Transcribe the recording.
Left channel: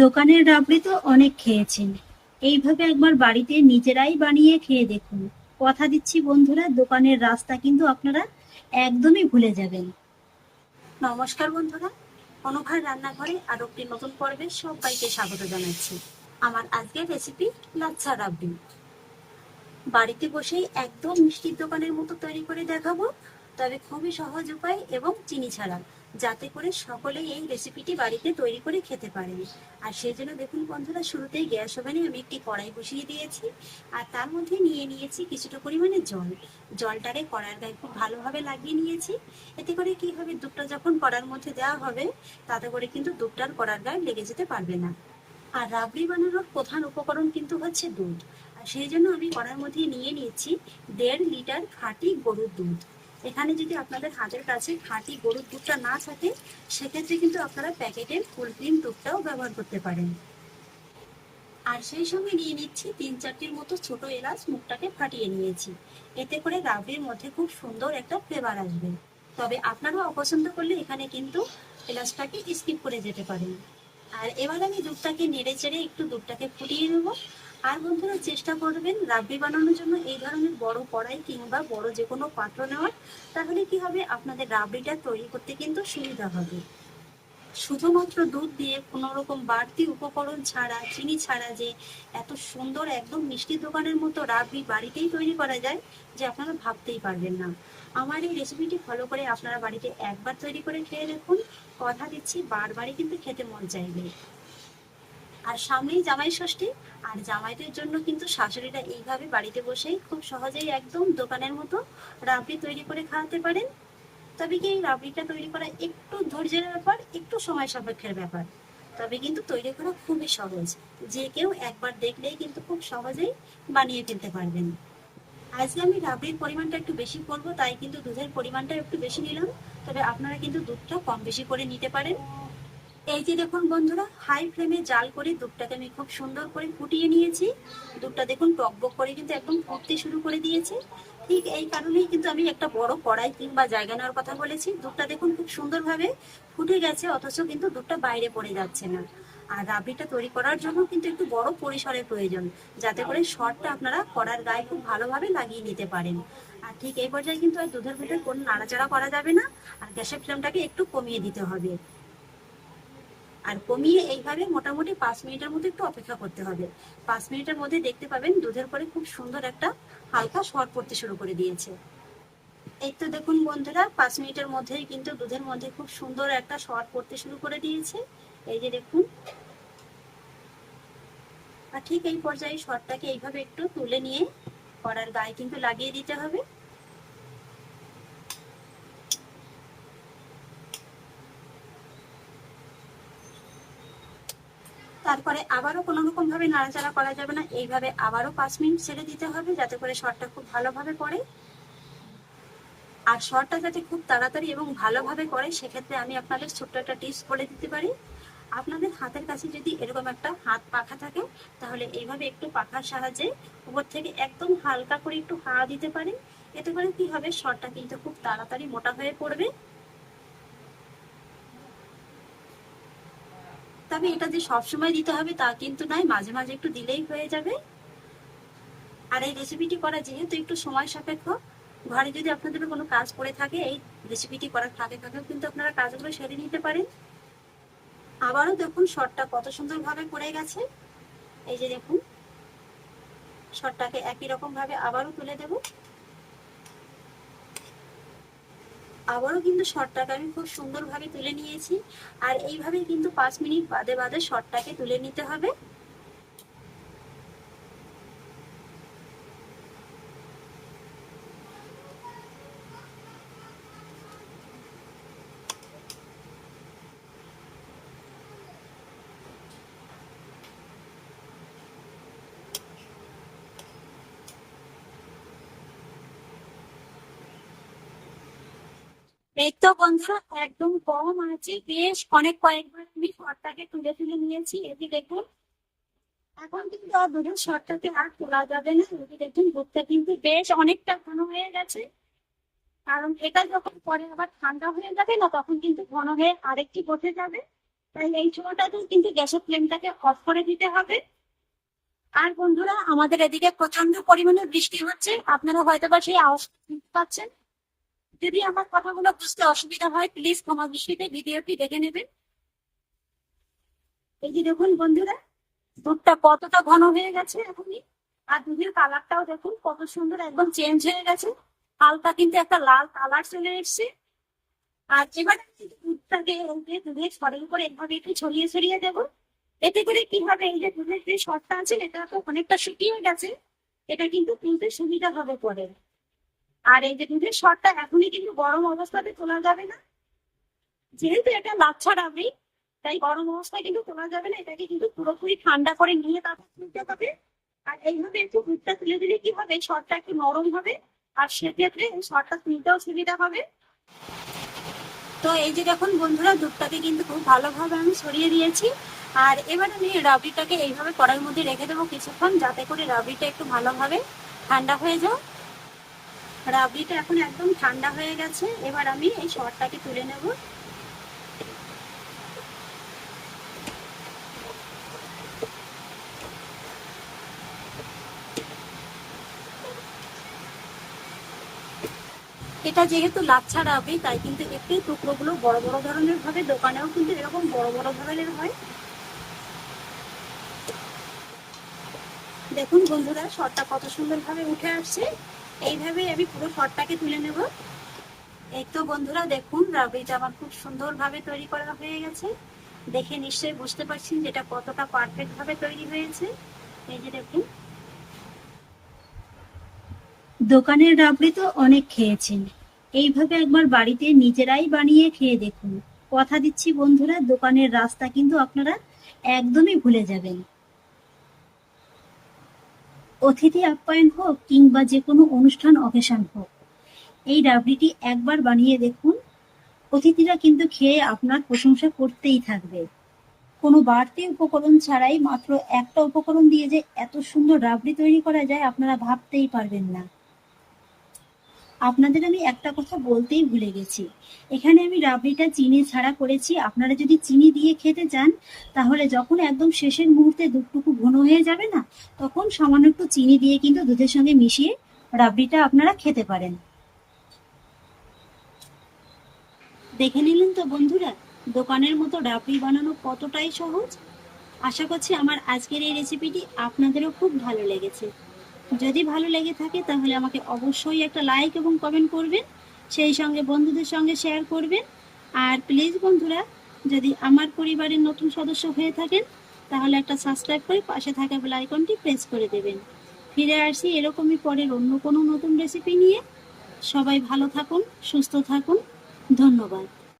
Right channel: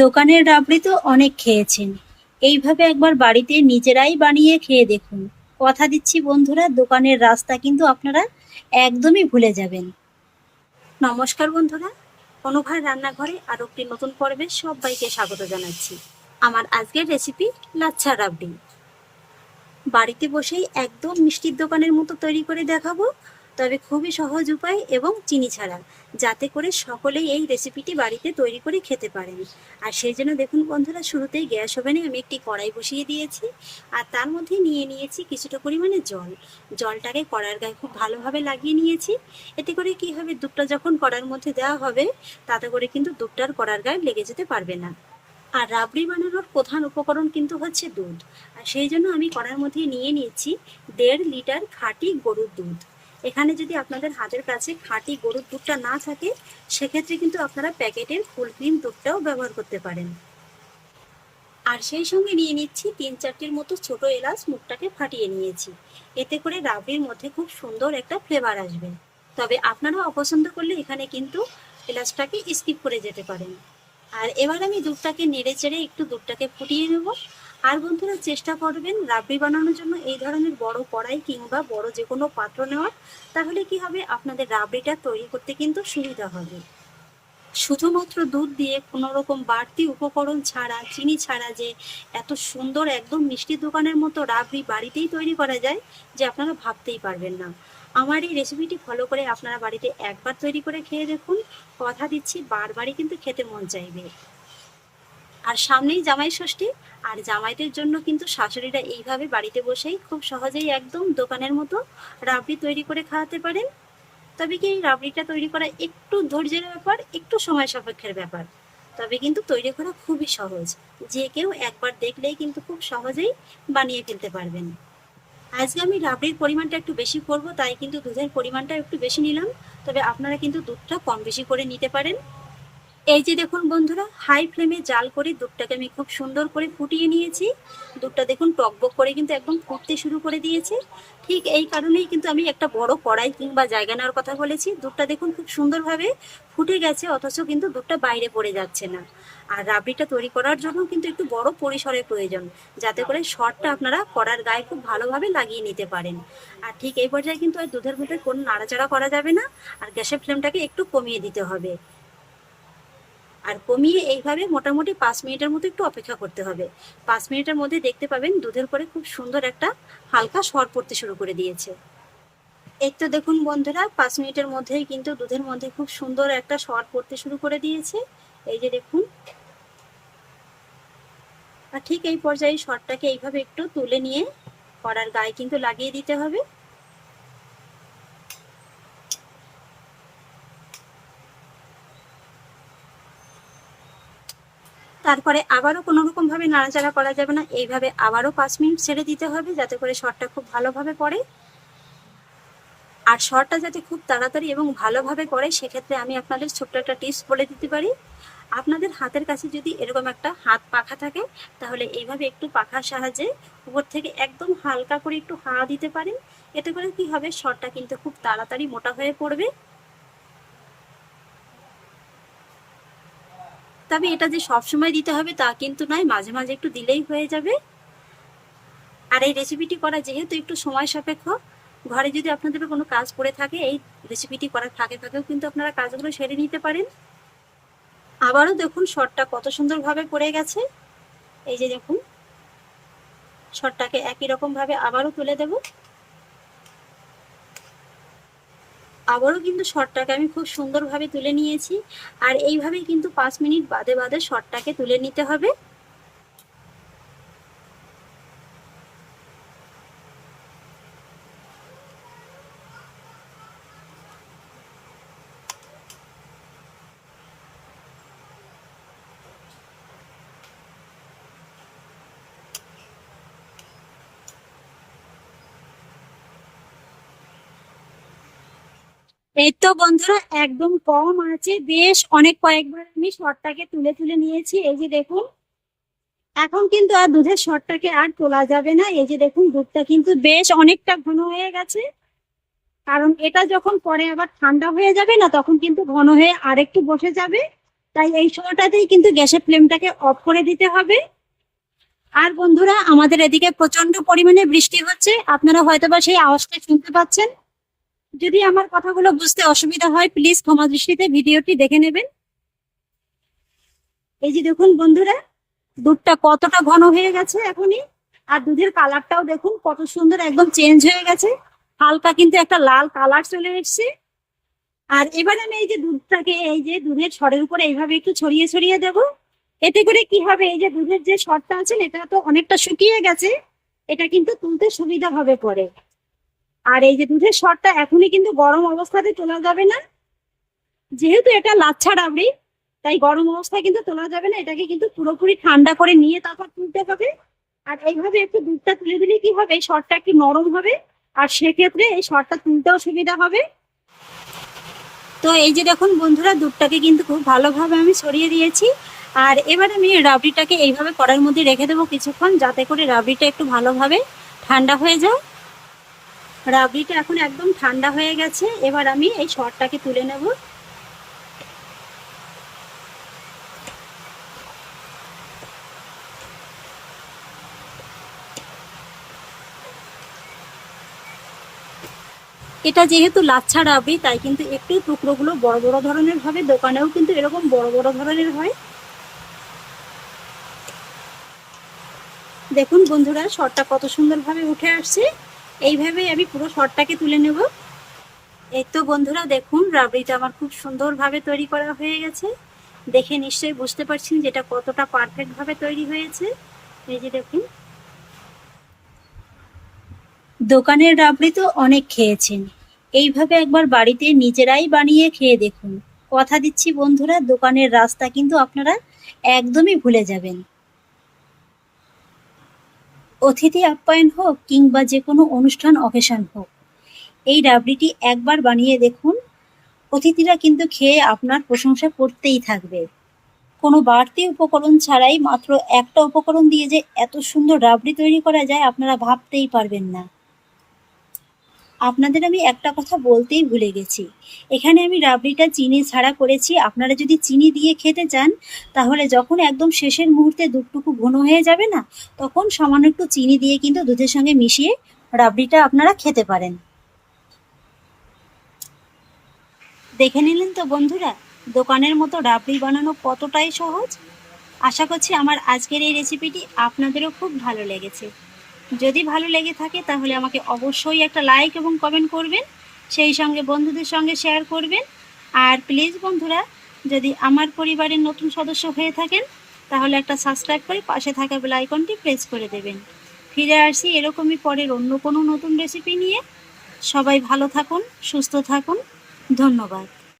দোকানের রাবড়ি তো অনেক খেয়েছেন, এইভাবে একবার বাড়িতে নিজেরাই বানিয়ে খেয়ে দেখুন। কথা দিচ্ছি বন্ধুরা, দোকানের রাস্তা কিন্তু আপনারা একদমই ভুলে যাবেন। নমস্কার বন্ধুরা, অনুভার রান্নাঘরে আরো একটি নতুন পর্বে সবাইকে স্বাগত জানাচ্ছি। আমার আজকের রেসিপি লাচ্ছা রাবড়ি। বাড়িতে বসেই একদম মিষ্টির দোকানের মতো তৈরি করে দেখাবো, তবে খুবই সহজ উপায় এবং চিনি ছাড়া, যাতে করে সকলেই এই রেসিপিটি বাড়িতে তৈরি করে খেতে পারেন। আর সেই জন্য দেখুন বন্ধুরা, শুরুতেই গ্যাস ওভেনে আমি একটি কড়াই বসিয়ে দিয়েছি, আর তার মধ্যে নিয়ে নিয়েছি কিছুটা পরিমাণে জল। জলটাকে কড়ার গায়ে খুব ভালোভাবে লাগিয়ে নিয়েছি। এতে করে কি হবে, দুধটা যখন কড়ার মধ্যে দেওয়া হবে, তাতে করে কিন্তু দুধটার কড়ার গায়ে লেগে যেতে পারবে না। আর রাবড়ি বানানোর প্রধান উপকরণ কিন্তু হচ্ছে দুধ। আর সেই জন্য আমি কড়ার মধ্যে নিয়ে নিয়েছি 1.5 লিটার খাঁটি গরুর দুধ। এখানে যদি আপনাদের হাতের কাছে খাঁটি গরুর দুধটা না থাকে, সেক্ষেত্রে কিন্তু আপনারা প্যাকেটের ফুল ক্রিম দুধটাও ব্যবহার করতে পারেন। আর সেই সঙ্গে নিয়ে নিচ্ছি 3-4টির মতো ছোট এলাচ, মুখটাকে ফাটিয়ে নিয়েছি। এতে করে রাবড়ির মধ্যে খুব সুন্দর একটা ফ্লেভার আসবে। তবে আপনারা অপছন্দ করলে এখানে কিন্তু এলাচটাকে স্কিপ করে যেতে পারেন। আর এবার আমি দুধটাকে নেড়ে চেড়ে একটু দুধটাকে ফুটিয়ে নেব। আর বন্ধুরা, চেষ্টা করবেন রাবড়ি বানানোর জন্য এই ধরনের বড় কড়াই কিংবা বড় যে কোনো পাত্র নেওয়ার। তাহলে কি হবে, আপনাদের রাবড়িটা তৈরি করতে কিন্তু সুবিধা হবে। শুধুমাত্র দুধ দিয়ে কোনো রকম বাড়তি উপকরণ ছাড়া, চিনি ছাড়া যে এত সুন্দর একদম মিষ্টি দোকানের মতো রাবড়ি বাড়িতেই তৈরি করা যায়, যে আপনারা ভাবতেই পারবেন না। আমার এই রেসিপিটি ফলো করে আপনারা বাড়িতে একবার তৈরি করে খেয়ে দেখুন। কথা দিচ্ছি, বারবারই কিন্তু খেতে মন চাইবে। আর সামনেই জামাই ষষ্ঠী, আর জামাইদের জন্য কিন্তু শাশুড়িরা এইভাবে বাড়িতে বসেই খুব সহজেই একদম দোকানের মতো রাবড়ি তৈরি করে খাওয়াতে পারেন। তবে কি, রাবড়িটা তৈরি করা একটু ধৈর্যের ব্যাপার, একটু সময় সাপেক্ষের ব্যাপার। তবে কিন্তু তৈরি করা খুবই সহজ, যে কেউ একবার দেখলেই কিন্তু খুব সহজেই বানিয়ে ফেলতে পারবেন। আজকে আমি রাবড়ির পরিমাণটা একটু বেশি করব, তাই কিন্তু দুধের পরিমাণটা একটু বেশি নিলাম। তবে আপনারা কিন্তু দুধটা কম বেশি করে নিতে পারেন। এই যে দেখুন বন্ধুরা, হাই ফ্লেমে জাল করে দুধটাকে আমি খুব সুন্দর করে ফুটিয়ে নিয়েছি। দুধটা দেখুন টকবক করে কিন্তু একদম ফুটতে শুরু করে দিয়েছে। ঠিক এই কারণেই কিন্তু আমি একটা বড় কড়াই কিংবা জায়গা নেওয়ার কথা বলেছি। দুধটা দেখুন খুব সুন্দরভাবে ফুটে গেছে, অথচ কিন্তু দুধটা বাইরে পড়ে যাচ্ছে না। আর রাবড়িটা তৈরি করার জন্য কিন্তু একটু বড় পরিসরের প্রয়োজন, যাতে করে সরটা আপনারা কড়ার গায়ে খুব ভালোভাবে লাগিয়ে নিতে পারেন। আর ঠিক এই পর্যায়ে কিন্তু আর দুধের ভেতর কোনো নাড়াচাড়া করা যাবে না। আর গ্যাসের ফ্লেমটাকে একটু কমিয়ে দিতে হবে। আর কমিয়ে এইভাবে মোটামুটি 5 মিনিটের মতো একটু অপেক্ষা করতে হবে। 5 মিনিটের মধ্যে দেখতে পাবেন দুধের করে খুব সুন্দর একটা হালকা সর পড়তে শুরু করে দিয়েছে। এই তো দেখুন বন্ধুরা, 5 মিনিটের মধ্যেই কিন্তু দুধের মধ্যে খুব সুন্দর একটা সর পড়তে শুরু করে দিয়েছে। এই যে দেখুন। আর ঠিক এই পর্যায়ে সরটাকে এইভাবে একটু তুলে নিয়ে কড়ার গায়ে কিন্তু লাগিয়ে দিতে হবে। তারপরে আবারও কোনো রকম ভাবে নাড়াচাড়া করা যাবে না, এইভাবে আবারও 5 মিনিট ছেড়ে দিতে হবে, যাতে করে সরটা খুব ভালোভাবে পড়ে। আর সরটা যাতে খুব তাড়াতাড়ি এবং ভালোভাবে পড়ে, সেক্ষেত্রে আমি আপনাদের ছোট্ট একটা টিপস বলে দিতে পারি। আপনাদের হাতের কাছে যদি এরকম একটা হাত পাখা থাকে, তাহলে এইভাবে একটু পাখার সাহায্যে উপর থেকে একদম হালকা করে একটু হাওয়া দিতে পারেন। এতে করে কি হবে, সরটা কিন্তু খুব তাড়াতাড়ি মোটা হয়ে পড়বে। তবে এটা যে সবসময় দিতে হবে তা কিন্তু নয়, মাঝে মাঝে একটু দিলেই হয়ে যাবে। আর এই রেসিপিটি করা যেহেতু একটু সময় সাপেক্ষ, ঘরে যদি আপনাদের কোনো কাজ করে থাকে, এই রেসিপিটি করার ফাঁকে ফাঁকেও কিন্তু আপনারা কাজগুলো সেরে নিতে পারেন। আবারও দেখুন সরটা কত সুন্দরভাবে পড়ে গেছে। এই যে দেখুন, সরটাকে একই রকম ভাবে আবারও তুলে দেব। আবারও কিন্তু সরটাকে আমি খুব সুন্দরভাবে তুলে নিয়েছি। আর এইভাবেই কিন্তু 5 মিনিট বাদে বাদে সরটাকে তুলে নিতে হবে। এই তো বন্ধুরা, একদম কম আছে, বেশ অনেক কয়েকবার আমি সরটাকে তুলে তুলে নিয়েছি। এই যে দেখুন, এখন কিন্তু আর দুধের সরটাকে আর তোলা যাবে না। এই যে দেখুন, দুধটা কিন্তু বেশ অনেকটা ঘন হয়ে গেছে। কারণ এটা যখন পরে আবার ঠান্ডা হয়ে যাবে না, তখন কিন্তু ঘন হয়ে আরেকটু বসে যাবে। তাই এই সময়টাতেই কিন্তু গ্যাসের ফ্লেমটাকে অফ করে দিতে হবে। আর বন্ধুরা, আমাদের এদিকে প্রচন্ড পরিমাণে বৃষ্টি হচ্ছে, আপনারা হয়তোবা সেই আওয়াজটা শুনতে পাচ্ছেন। যদি আমার কথাগুলো বুঝতে অসুবিধা হয় প্লিজ ক্ষমা দৃষ্টিতে ভিডিওটি দেখে নেবেন। এই যে দেখুন বন্ধুরা, দুধটা কতটা ঘন হয়ে গেছে এখনই। আর দুধের কালারটাও দেখুন কত সুন্দর, একদম চেঞ্জ হয়ে গেছে, হালকা কিন্তু একটা লাল কালার চলে এসেছে। আর এবার আমি এই যে দুধটাকে এই যে দুধের সরের উপরে এইভাবে একটু ছড়িয়ে ছড়িয়ে দেব। এতে করে কি হবে, এই যে দুধের যে সরটা আছে এটা তো অনেকটা শুকিয়ে গেছে, এটা কিন্তু তুলতে সুবিধা হবে পরে। আর এই যে দুধের সরটা এখনই কিন্তু গরম অবস্থাতে তোলা যাবে না, যেহেতু এটা লাচ্ছা রাবড়ি, তাই গরম অবস্থায় কিন্তু তোলা যাবে না, এটাকে কিন্তু পুরোপুরি ঠান্ডা করে নিয়ে তারপর তুলতে হবে। আর এইভাবে একটু দুধটা তুলে দিলে কি হবে, এই সরটা একটু নরম হবে, আর সেক্ষেত্রে এই সরটা তুলতেও সুবিধা হবে। তো এই যে দেখুন বন্ধুরা, দুধটাকে কিন্তু খুব ভালোভাবে আমি ছড়িয়ে দিয়েছি। আর এবার আমি রাবড়িটাকে এইভাবে কড়াইয়ের মধ্যে রেখে দেবো কিছুক্ষণ, যাতে করে রাবড়িটা একটু ভালোভাবে ঠান্ডা হয়ে যায়। রাবড়িটা এখন একদম ঠান্ডা হয়ে গেছে, এবার আমি এই সরটাকে তুলে নেব। এটা যেহেতু লাচ্ছা রাবড়ি, তাই কিন্তু একটু টুকরোগুলো বড় বড় ধরনের হবে, দোকানেও কিন্তু এরকম বড় বড় ধরনের হয়। দেখুন বন্ধুরা, সরটা কত সুন্দরভাবে উঠে আসছে। এইভাবেই আমি পুরো সরটাকে তুলে নেব। এই তো বন্ধুরা দেখুন, রাবড়িটা আমার খুব সুন্দরভাবে তৈরি করা হয়ে গেছে। দেখে নিশ্চয়ই বুঝতে পারছেন যে এটা কতটা পারফেক্ট ভাবে তৈরি হয়েছে। এই যে দেখুন, দোকানের রাবড়ি তো অনেক খেয়েছেন, এইভাবে একবার বাড়িতে নিজেরাই বানিয়ে খেয়ে দেখুন। কথা দিচ্ছি বন্ধুরা, দোকানের রাস্তা কিন্তু আপনারা একদমই ভুলে যাবেন। অতিথি আপ্যায়ন হোক কিংবা যে কোনো অনুষ্ঠান অকেশন হোক, এই রাবড়িটি একবার বানিয়ে দেখুন, অতিথিরা কিন্তু খেয়ে আপনার প্রশংসা করতেই থাকবে। কোনো বাড়তি উপকরণ ছাড়াই মাত্র একটা উপকরণ দিয়ে যে এত সুন্দর রাবড়ি তৈরি করা যায় আপনারা ভাবতেই পারবেন না। আপনাদের আমি একটা কথা বলতেই ভুলে গেছি, এখানে আমি রাবড়িটা চিনি ছাড়া করেছি। আপনারা যদি চিনি দিয়ে খেতে চান, তাহলে যখন একদম শেষের মুহূর্তে দুধটুকু ঘন হয়ে যাবে না, তখন সামান্য একটু চিনি দিয়ে কিন্তু দুধের সঙ্গে মিশিয়ে রাবড়িটা আপনারা খেতে পারেন। দেখে নিলেন তো বন্ধুরা, দোকানের মতো রাবড়ি বানানো কতটাই সহজ। আশা করছি আমার আজকের এই রেসিপিটি আপনাদেরও খুব ভালো লেগেছে। যদি ভালো লেগে থাকে তাহলে আমাকে অবশ্যই একটা লাইক এবং কমেন্ট করবেন, সেই সঙ্গে বন্ধুদের সঙ্গে শেয়ার করবেন। আর প্লিজ বন্ধুরা, যদি আমার পরিবারের নতুন সদস্য হয়ে থাকেন, তাহলে একটা সাবস্ক্রাইব করে পাশে থাকা বেল আইকনটি প্রেস করে দেবেন। ফিরে আসি এরকমই পরের অন্য কোনো নতুন রেসিপি নিয়ে। সবাই ভালো থাকুন, সুস্থ থাকুন, ধন্যবাদ।